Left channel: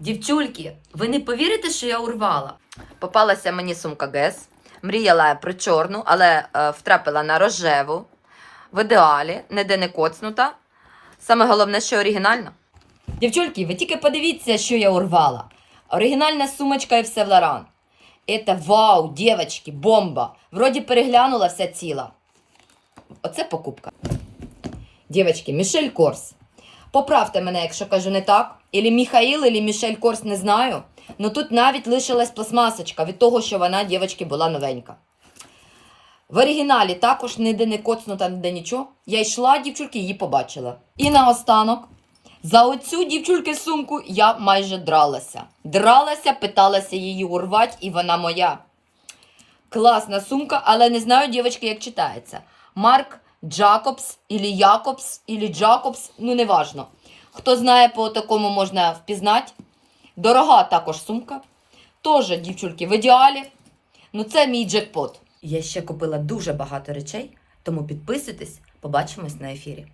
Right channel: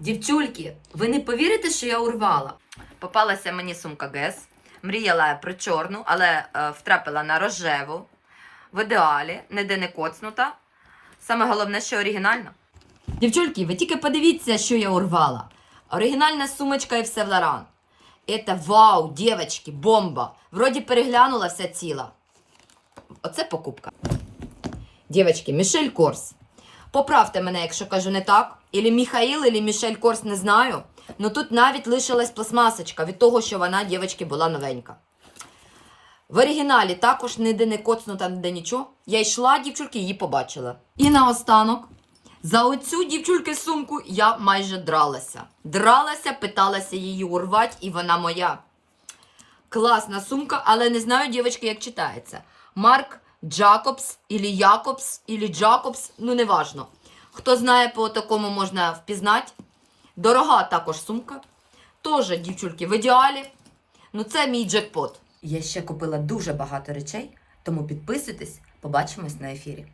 Дівчульки, ви не повірите, що я урвала? Попалася мені сумка Гес. Мріяла про чорну, але е, втрапила на рожеву. В ідеалі, ніде не коцнута. Саме головне, що оригінальна. Дівчульки, ви тільки подивіться, що я урвала. Оригінальна сумочка і все Лоран. Это вау, дівчатки, бомба. Вроді переглянула вся ціла. Оце покупка. Дівчатки, Мішель Корс. Поправте мене, якщо кажу не так. Ілі Міхаїл, ілі Мішель Корс, не знаю. Ну тут навіть лишилась пластмасочка від того, що вона, дівчатки, була новенька. В оригіналі також ніде не коцнута, ніде нічого. Я йшла, дівчульки, її побачила. І наостанок, за оцю дівчульки сумку я майже дралася. Дралася, питалася її урвати, і вона моя. Класна сумка, але не знаю, дівчатки, як читається. Марк Джакобс, ілі Якобс, ілі Джакобс, ну неважно. Хто знає, по такому можна впізнати. Дорога також сумка. Тоже, дівчульки, в ідеалі. Ну, це мій джекпот. Я ще купила дуже багато речей, тому підписуйтесь, побачимось на ефірі.